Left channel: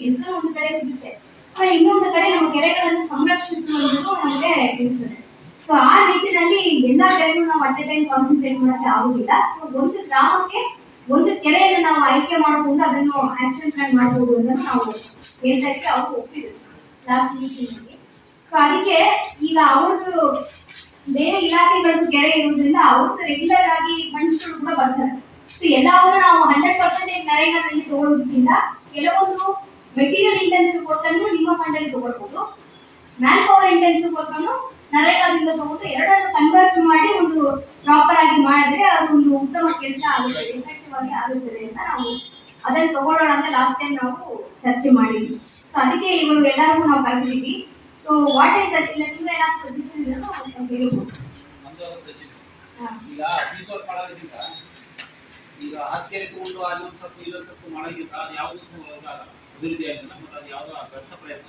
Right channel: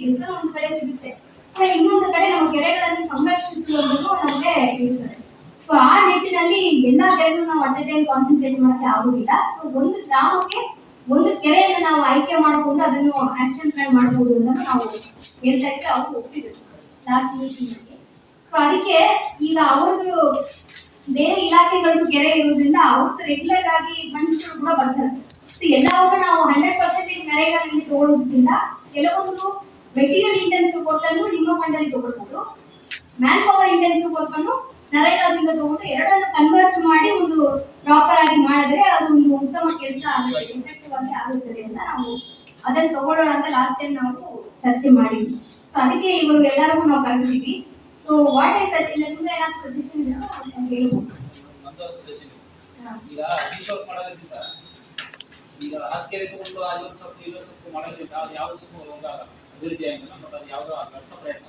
ಕೆಲಸ ಒಂದು ಕಡೆ ಸಿಗುತ್ತೆ. ಆಮೇಲೆ ಇನ್ನೊಂದು ಕಡೆ ನಮ್ಮ ಕೆರೆಗಳನ್ನು ಸಂರಕ್ಷಿಸುವಂಥದ್ದು ನಮಗೆ ಇರ್ತದೆ. ಸೊ ಆ ನಿಟ್ಟಿನಲ್ಲಿ ಎಲ್ಲಾ ಕಡೆನೂ ನಾವು ಅಟ್ ಟೈಮ್ ಕಾನ್ಸಂಟ್ರೇಟ್ ಮಾಡಕ್ಕೆ ಆಗುದಿಲ್ಲ. ಸೊ ಒಂದು ಗ್ರಾಮಕ್ಕೆ ಒಂದು ಕೆರೆಯನ್ನು ನಾವು ಆಯ್ಕೆ ಮಾಡಿಕೊಂಡು ಅದನ್ನು ಆಕ್ಷನ್ ಪ್ಲಾನ್ ಮಾಡಬಹುದು ಅಂತ ನಾವು ಹೇಳ್ತಾ ಇದ್ವಿ ಅವರು ಒಪ್ಪಿದ್ರು. ಲಾಸ್ಟ್ ಮೀಟಿಂಗ್ ಸೊ ಅದಕ್ಕೆ ಈಗ ಅವ್ರದ್ದು ಬೇರೆ ಇಲಾಖೆಗಳದ್ದು ಕೆರೆ ಇರೋದ್ರಿಂದ ಅವ್ರದ್ದು ರೆಗ್ಯುಲರ್ ಆಗಿ ಫಂಡ್ಸ್ಗಳು ಕೂಡ ಬರ್ತವೆ ಸೊ ಎಲ್ಲವನ್ನು ನಾವು ಹಂಡ್ರೆಡ್ ಪರ್ಸೆಂಟೇಜ್ ನರೇಗಾದಲ್ಲಿ ತಗೊಳ್ಳೋದ್ರಿಂದ ಕೆಲವೊಂದು ಮೆಟೀರಿಯಲ್ ಇಂಟೆನ್ಸಿವ್ ವರ್ಕನ್ನು ನಿಮ್ಮ ಫಂಡಲ್ಲಿ ತಗೊಳ್ಬಹುದು. ಮ್ಯಾನ್ ಪವರ್ ಇಂಟೆನ್ಸಿವ್ ವರ್ಕನ್ನು ನರೇಗಾದಿಂದ ತಗೊಂಡು ಎರಡನ್ನು ಕನ್ವರ್ಟ್ ಮಾಡಿ ಒಂದು ಪ್ರಾಪರ್ ಆಗಿ ಮಾಡಿದ್ರೆ ಒಂದು ಉತ್ತಮ ಕೆಲಸ ಆಗುತ್ತೆ ಎಫೆಕ್ಟಿವ್ ಆಗಿ ಆಗುತ್ತದೆ ಅಂತ ನಾವು ಅದನ್ನು ತಗೊಳ್ಳೋಣ ಅಂತ ಲಾಸ್ಟ್ ಟೈಮ್ ನಾವು ಚರ್ಚೆ ಮಾಡಿದ್ವಿ. ಸೊ ಅದಕ್ಕೆ ಇವರು ಎಲ್ಲರಿಗೂ ನಾವು ಕರೆದಿದ್ದೀವಿ. ಸೊ ವಾಟ್ ಐ ಸಜ್ ಇಲ್ಲ ನಿಮ್ಗೆ ಏನಾದ್ರು ಸಜೆಷನ್ ನಾವು ಹೇಳ್ಬೋದು. ಈಗ ಈಗ ಹತ್ಕೆರೆ ತಗೊಂಡು ಅಲ್ಲೊಂದು ಸ್ವಲ್ಪ ಇಲ್ಲೊಂದು ಸ್ವಲ್ಪ ಮಾಡೋದ್ರಿಂದ ಅದು ಯಾವುದಕ್ಕೂ ಅಭಿವೃದ್ಧಿ ಆಗಿಲ್ಲ ಮತ್ತು ಅದು ಯಾವುದೋ ವ್ಯರ್ಥ ಪ್ರಯತ್ನ.